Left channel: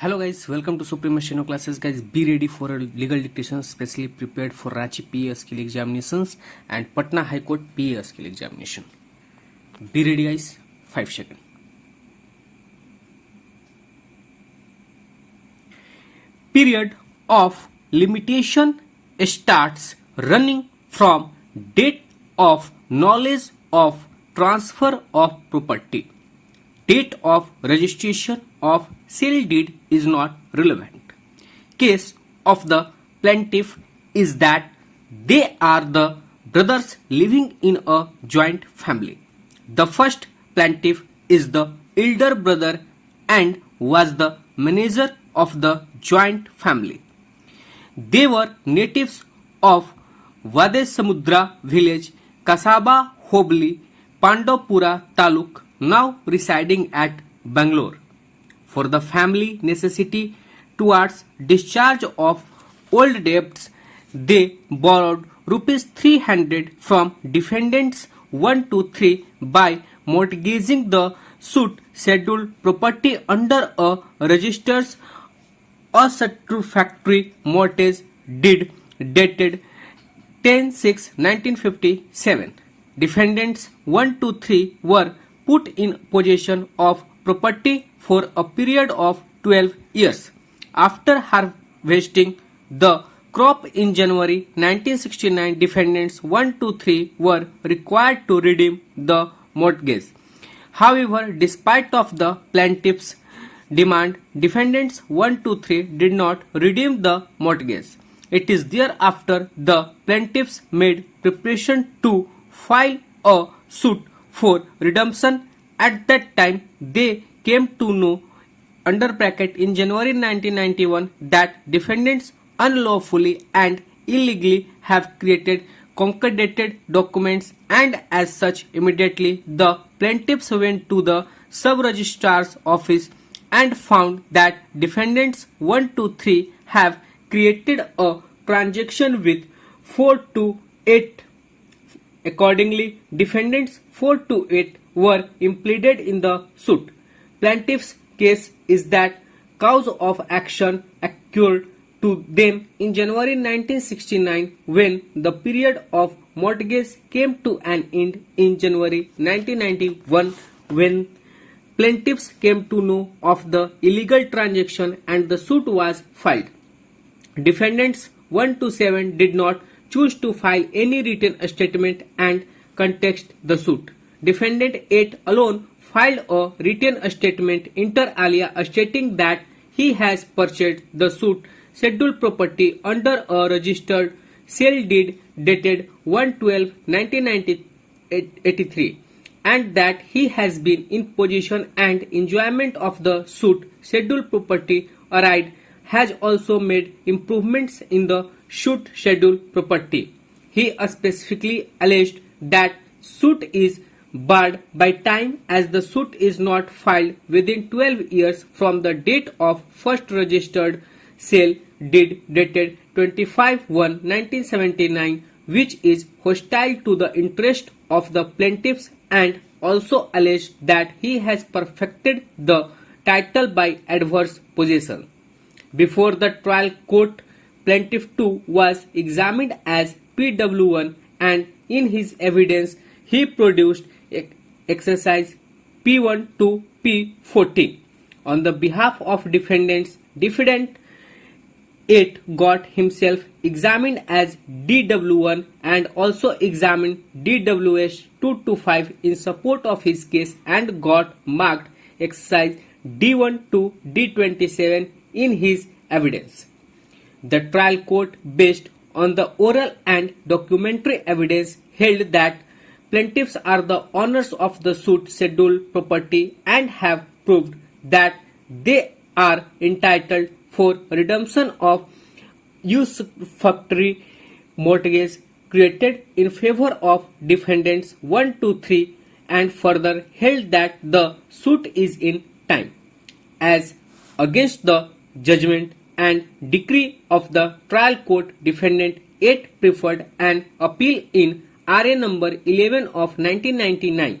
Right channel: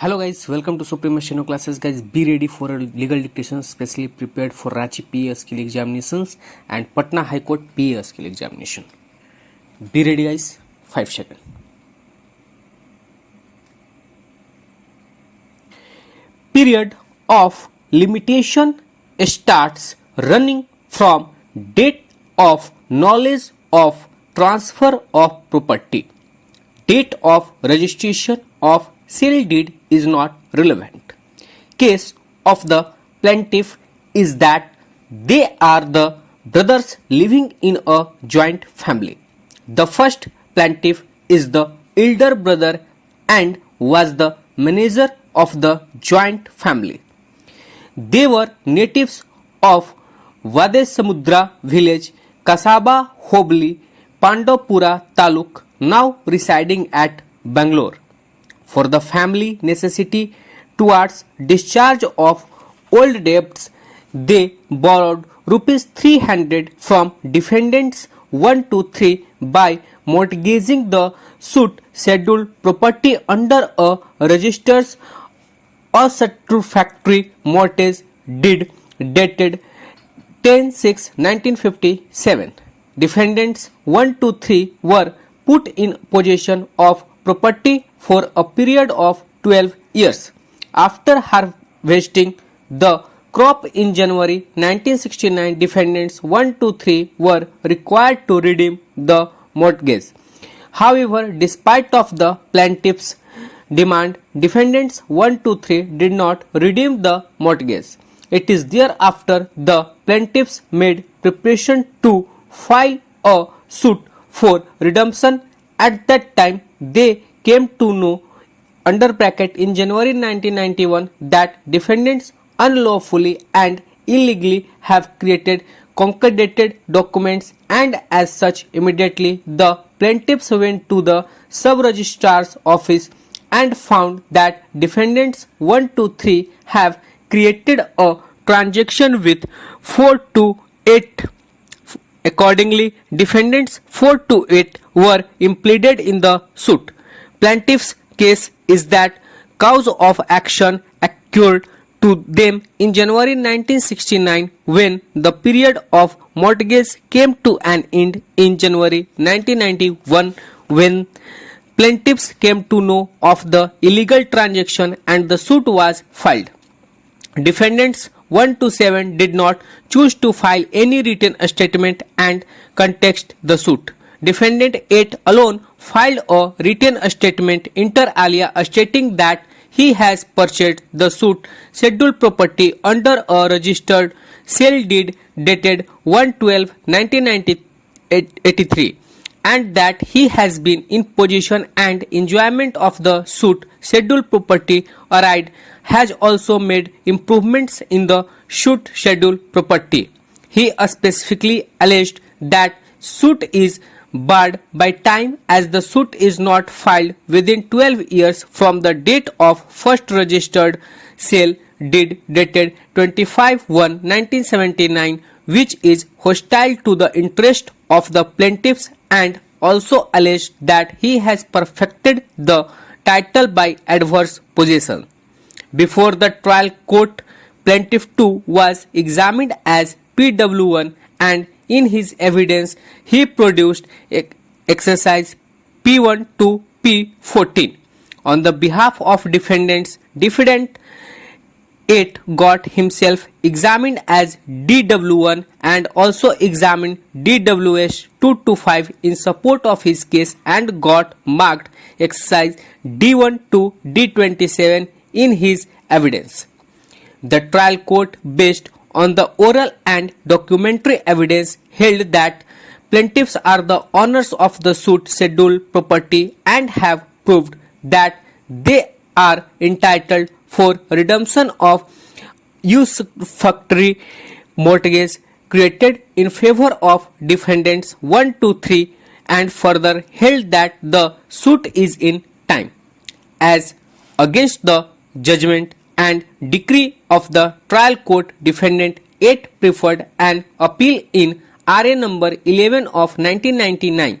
Hello guys, welcome to Supreme Shino classes. Guys, be ready for a legal dictation specially prepared for Ranchi PA skill examinations and Patna High Court PA skill examination. Be ready guys, 5 seconds. Period of limitation starts running from date of knowledge of transfer of property. Date of registration of sale deed is not relevant. Case of the plaintiff is that they are the brothers living in a joint family. The first plaintiff is the elder brother and was the manager of the joint family. They were natives of Vadesamudra village, Kasaba Hobli, Pandapura Taluk, now residing at Bangalore. For the family necessity towards discharge of old debts, they borrowed rupees 300 from defendants 1 to 3 by mortgaging the suit scheduled property under a registered satisfactory mortgage deed dated 10/6/1957. Defendants 1 to 3 were put in possession of property for a period of 12 years. After harvesting the crop in January 1969, defendants 1 to 3 were required to redeem the mortgage. However, despite of the plaintiff's demand, defendants 1 to 3 did not redeem the mortgage. It is thereafter the plaintiffs made preparation to file a suit for redemption. At that time, they came to know under bracket in January 1991 that defendants unlawfully and illegally have created concordated documents, and as such immediately the plaintiffs went to the sub-registrar's office and found that defendants 1 to 3 have created a transaction with 4 to 8. Accordingly, defendants 4 to 8 were impleaded in the suit. Plaintiff's case is that cause of action occurred to them in January 1969 when the period of mortgage came to an end in January 1991 when plaintiffs came to know of the illegal transaction and the suit was filed. Defendants 1 to 7 did not choose to file any written statement and contest the suit. Defendant 8 alone filed a written statement inter alia stating that he has purchased the suit scheduled property under a registered sale deed dated 1/12/1983 and that he has been in possession and enjoyment of the suit scheduled property alright has also made improvements in the suit scheduled property. He specifically alleged that suit is barred by time as the suit is not filed within 12 years from the date of first registered sale deed dated 25/1/1979, which is hostile to the interest of the plaintiffs, and also alleged that he has perfected the title by adverse possession. Before the trial court, plaintiff 2 was examined as PW1 and in his evidence he produced exercise P1 to P14. On the behalf of defendants, defendant 8 got himself examined as DW1 and also examined DWS 2 to 5 in support of his case and got marked exercise D1 to D27 in his evidence. The trial court, based on the oral and documentary evidence, held that plaintiffs are the owners of the suit scheduled property and have proved that they are entitled for redemption of usurpatory mortgage created in favor of defendants 1 to 3 and further held that the suit is in time. As against the judgment and decree of the trial court, defendant 8 preferred an appeal in RA number 11 of 1999.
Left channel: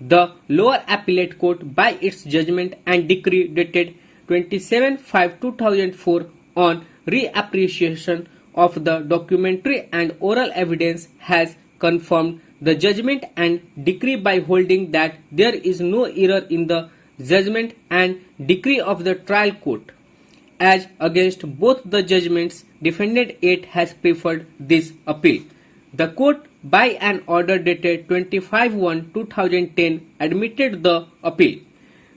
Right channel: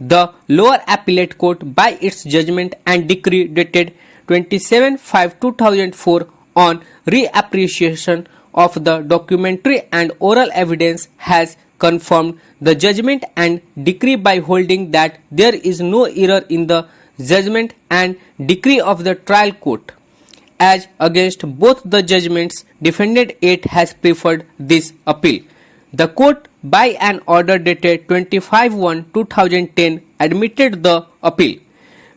The lower appellate court, by its judgment and decree dated 27/5/2004 on reappreciation of the documentary and oral evidence has confirmed the judgment and decree by holding that there is no error in the judgment and decree of the trial court. As against both the judgments, defendant 8 has preferred this appeal. The court, by an order dated 25/1/2010, admitted the appeal.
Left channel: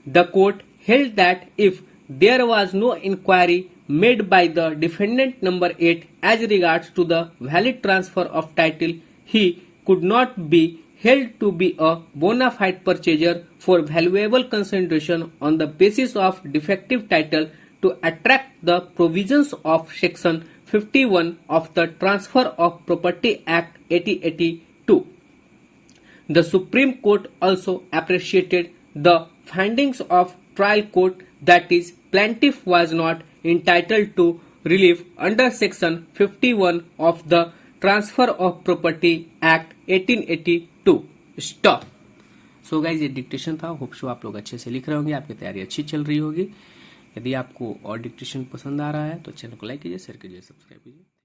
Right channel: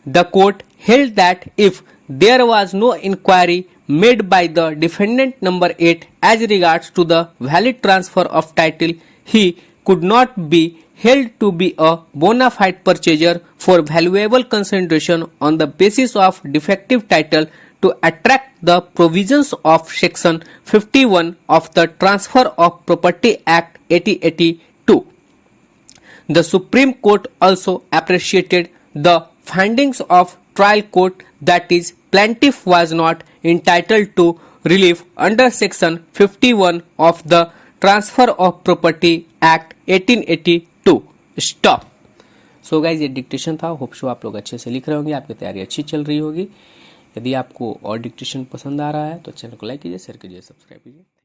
The court held that if there was no inquiry made by the defendant number 8 as regards to the valid transfer of title, he could not be held to be a bona fide purchaser for valuable consideration on the basis of defective title to attract the provisions of Section 51 of the Transfer of Property Act 1882. The Supreme Court also appreciated the findings of trial court that is plaintiff was not entitled to relief under Section 51 of the Transfer of Property Act 1882. Stop. So guys ये dictation था। Hope so आप लोग अच्छे से लिख रहे होंगे, आपकी तैयारी अच्छी चल रही होगी। यदि आपको और डिक्टेशन पसंद आ रहा है तो चैनल को लाइक कीजिए, शेयर कीजिए, सब्सक्राइब कीजिए।